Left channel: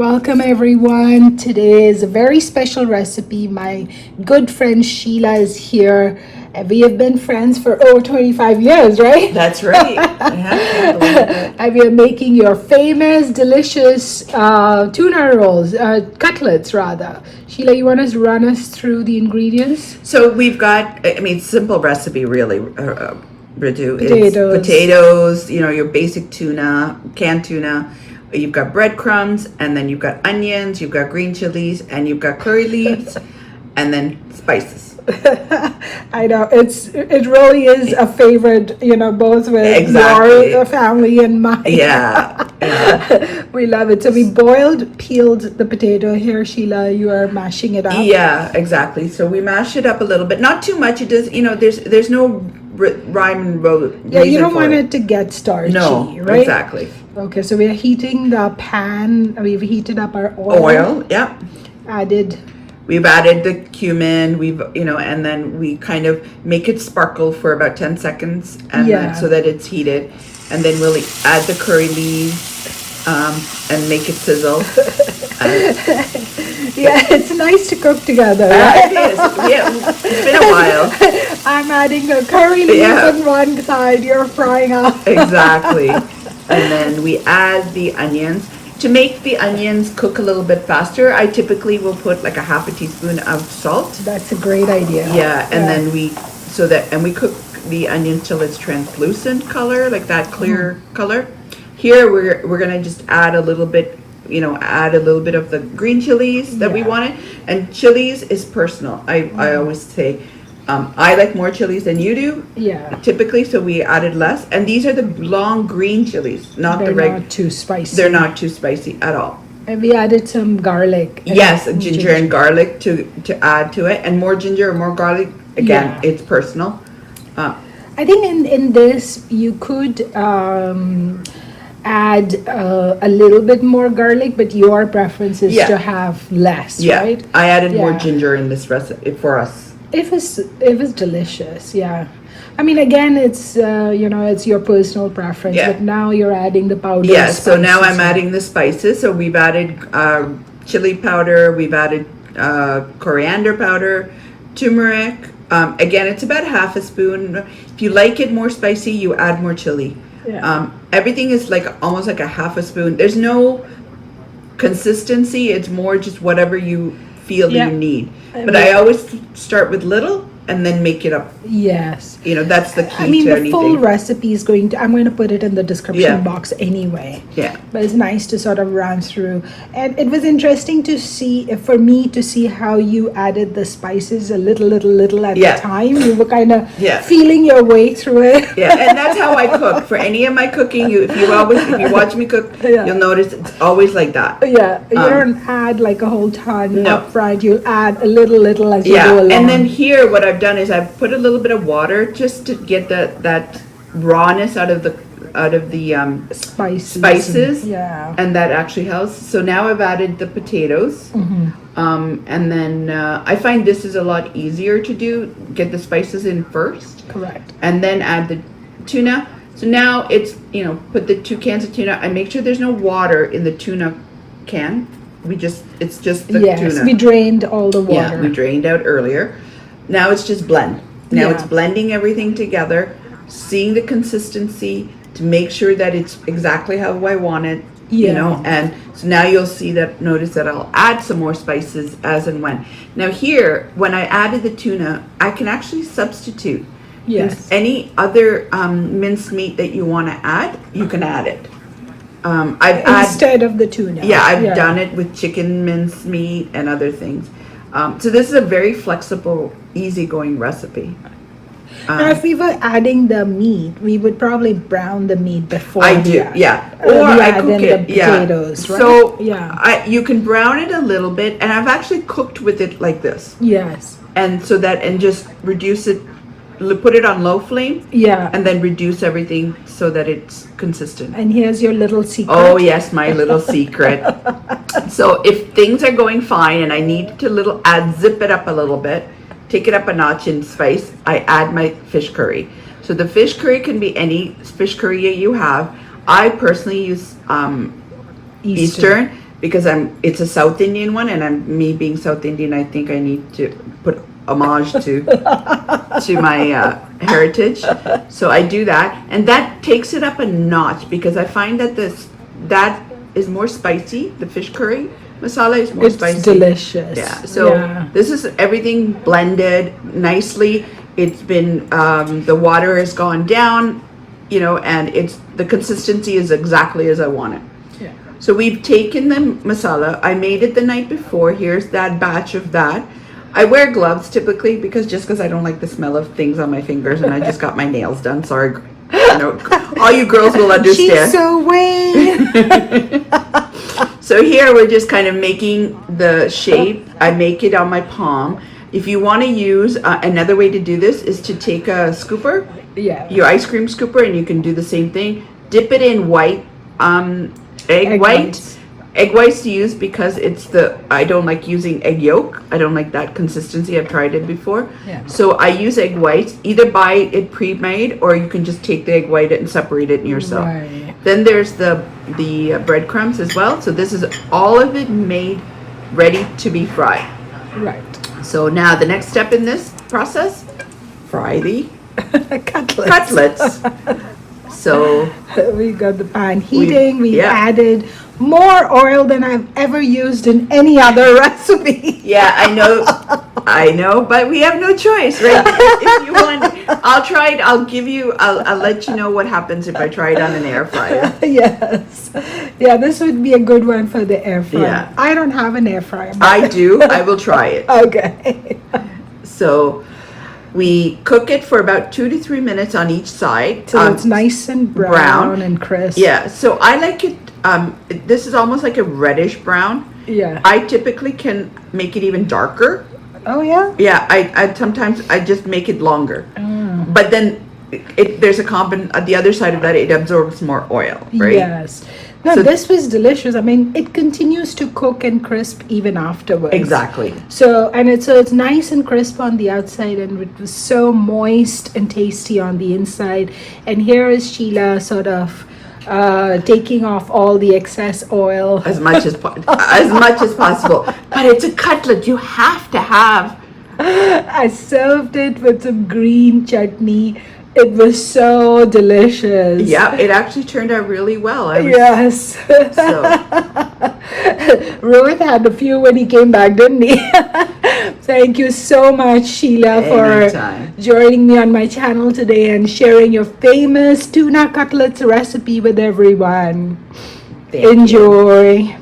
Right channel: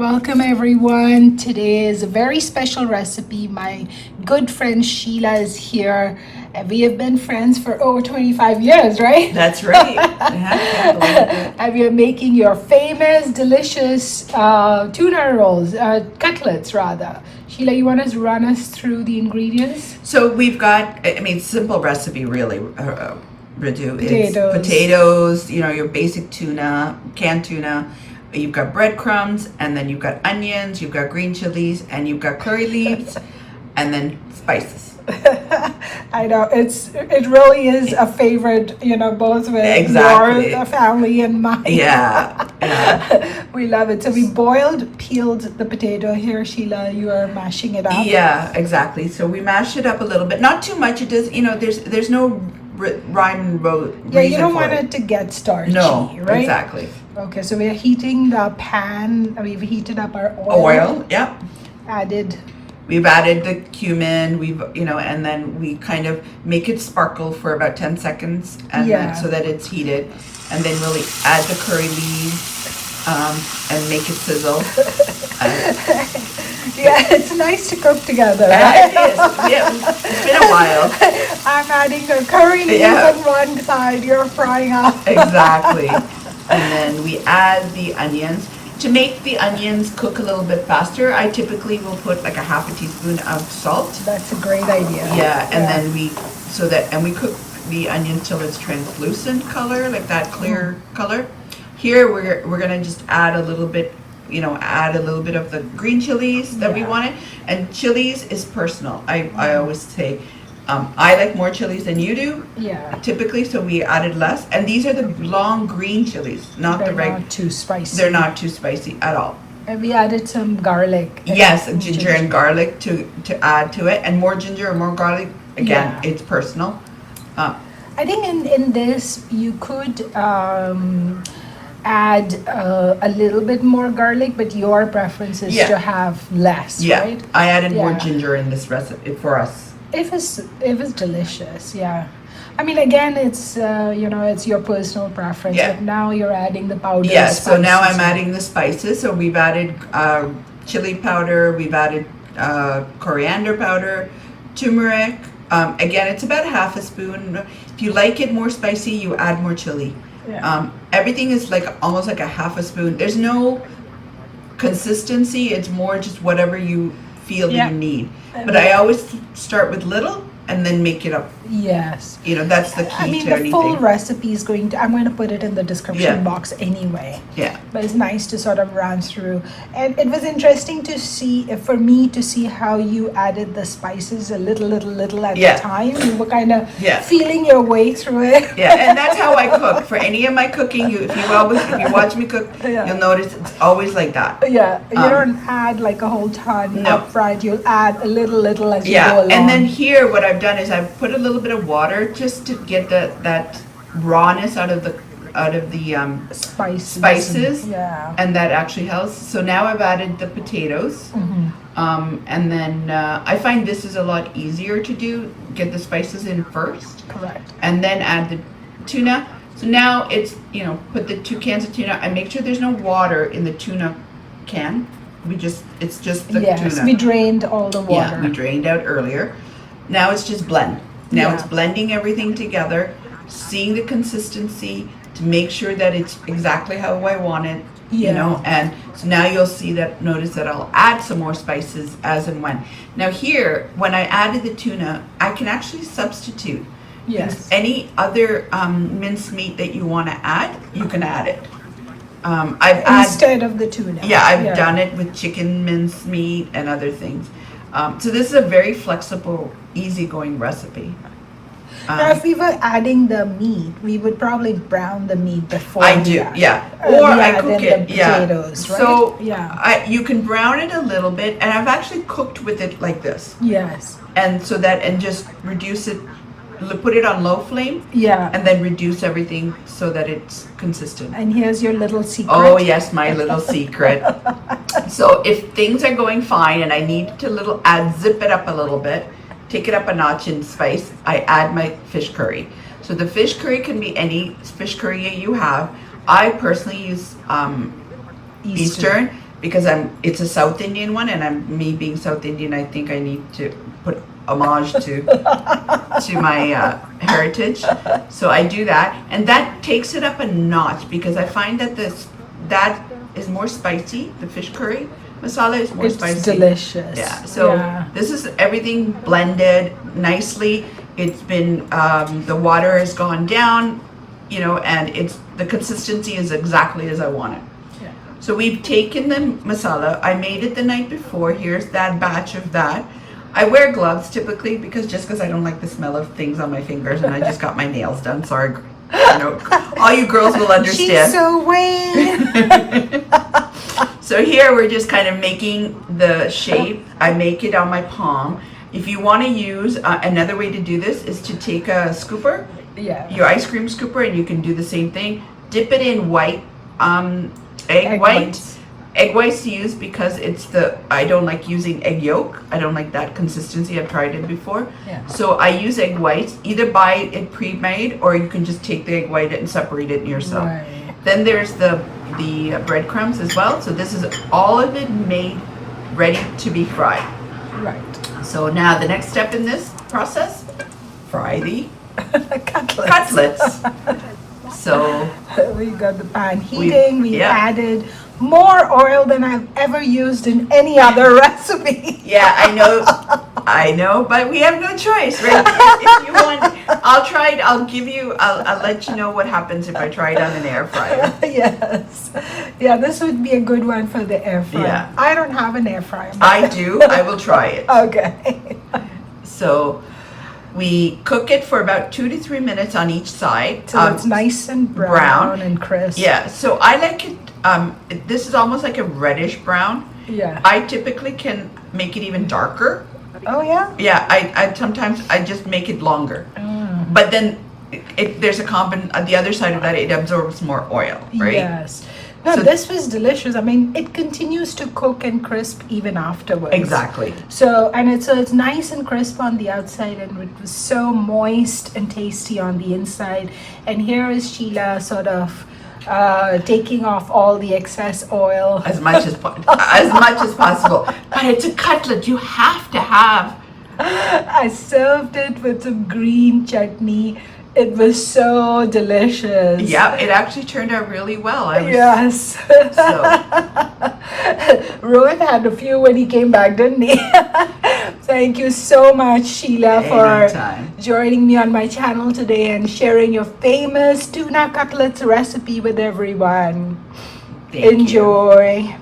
Welcome everyone. Today is a very special recipe. My good friend Sheila is here. And we have been friends for over 25 years, right? That's right. I can't believe it. And we are making your famous, delicious tuna rolls, cutlets rather. Sheila, you want to run us through the ingredients? So we've got, simple recipe really, Ritu. Potatoes. It's potatoes, your basic tuna, canned tuna. You've got breadcrumbs, and then you've got onions, you've got green chilies, and you've got curry leaves, and then spices. I know it really is a favorite, both with Exactly. your family and mine. Yeah. We love it. So we peeled the potato here, Sheila. You are mashing it up. Yeah, exactly. So we mash it up a little bit, not too much. It does, there's no rhyme and reason Yeah, you don't for want it it to get starchy, No, right? exactly. Okay, so we are heating the pan. We've heated up our oil. Oil, yep. We've added the cumin, and then we kind of make it sparkle for about 10 seconds and then, so that it's heated. And then we'll add the curry leaves and make it sizzle. Yeah, it's nice to cook together. It is. Yeah, it's been a while. I'm adding the curry leaves on one side, you're frying up. Exactly. And then we add the onions. To make the onions cook a little bit faster, I typically will put like a half a teaspoon of salt. That's a great idea. Yeah, and then we cook the onion till it's translucent color, like that clear color. Here we're gonna just add a little bit, of the green chilies that we wanted. And chilies is personal. I always say, I like more chilies than you do. Yeah. Typically, so we added less. And these are the long green chilies, not the regular. They're not too spicy. They're not too spicy at all. And we added some garlic. Yes, ginger and garlic to add to it, and more ginger or more garlic. Again, it's personal. I think in this you could add a little bit more garlic, but your preference is to have less, right? I added more ginger in this recipe for us. If it's delicious, yeah. I mean, again, it's it's your personal preference. Yeah. But now you're adding the powder. Yeah. So now I'm adding the spices. So we've added chili powder. We've added coriander powder, turmeric. Again, it's about half a spoon. If you like it more spicy, you add more chili. Yeah. Everything is almost like a half a spoon. There's no consistency. It's more just whatever you feel that you need. But I always start with little and then make it up. Yes. That's the key to anything. The full recipe is I'm going to put it in the description box anyway. Yeah. But it's nice to sort of run through. And it was interesting for me to see how you added the spices a little at a time. You were kind of feeling your way through it. Yeah, and that's how I cook. For any of my cooking, if you watch me cook, you'll notice it's always like that. Yeah, you don't add like a whole ton up front. You add a little as you go along. And then here what I've done is I've put a little bit of water just to get that rawness out of the spices, and that actually helps. So now I've added the potatoes, and then I find this is a lot easier to do. Get the spices in first, correct, and then add the tuna. So now it's put the 2 cans of tuna. I make sure there's no water in the tuna can. It's just the tuna. We drained all the water. Yeah, we drained out earlier. Now it's just blend. Now it's blending everything together, seeing the consistency to make sure that it's exactly how I want it, and so now you'll notice that I'll add some more spices as and when. Now here, when I added the tuna, I can actually substitute. Yes. Any other minced meat that you want to add, you can add it. Instead of the tuna. Yeah, I've done it with chicken mince meat and other things. So this is a very flexible, easygoing recipe. Now, if we were adding the meat, we would probably brown the meat before. I do, or I cook it, potatoes, right? So you can brown it a little bit, and I've actually cooked with it like this. Yes. And just reduce it, put it on low flame. Yeah. And then reduce everything so that it's consistent. And here's your little secret. Oh yes, my little secret. So if things are going fine and I need to zip it up a little bit, take it up a notch in spice, I add my fish curry. So the fish curry can be any fish curry you have. I personally use Eastern. because it's a South Indian one, and me being South Indian, I think I need to put homage to my heritage. So I do that, and that takes it up a notch because I find that that is more spicy. The fish curry masala is more spicy. It's delicious. Yeah. So this is everything blended nicely. It's been the water has gone down, and the consistency is exactly as I want it. Yeah. So we've taken the masala. I made it the night before. Here's that batch of that. I wear gloves typically because I don't like the smell of things on my fingers, and I just got my nails done. Sorry, all you girls will understand. She's so weird. So here we're just kind of making the shape. I make it on my palm. If you want to use another way to do this is to take a scooper, your ice cream scooper, and you can do the same thing. Dip it in white egg white. Egg whites to use because I don't like using egg yolk. I don't like that consistency. I've tried it before. Yeah. So I use egg whites. Either buy it pre-made or you can just take the egg white and separate it yourself. Right. Then there's the breadcrumbs as well. So this is all of it made ready to be fried. Right. So now the next step in this process, fry the cutlets. So we got the pan heating. We added more oil than I've ever used in any other recipe. Yeah, I know, but we have no choice, right? If you want, I'll try it. I'll let you know what happens if I try it on an air fryer. Yes. Yeah, this would be a good one for the air fryer. Yeah. I don't have an air fryer. I do. I will try it. Okay. So we cook it for about 2 to 3 minutes on each side. So it's nice and brown and crisp. Yeah, so I like it. This is almost like a reddish brown. Yeah. I typically can make it even darker. Oh yeah? Yeah, I sometimes I just make it longer. But then there's the other side of that, it absorbs more oil, right? Yes. No, so this was delicious. I mean, it continues to cook and crisp even afterwards. Exactly. So it's nice and crisp on the outside, and it was so moist and tasty on the inside. And here is Sheila sort of taking off all the excess oil as much as possible. But it's a cutlet. You have to have. I served it with some green chutney. It was so delicious. Yeah, it actually turned out really well. Yes. So. Rohit had a few when he came back, didn't he? Thank you so much, Sheila, for joining me on my channel today and sharing your famous tuna cutlets recipe with everyone. Thank you. Enjoy.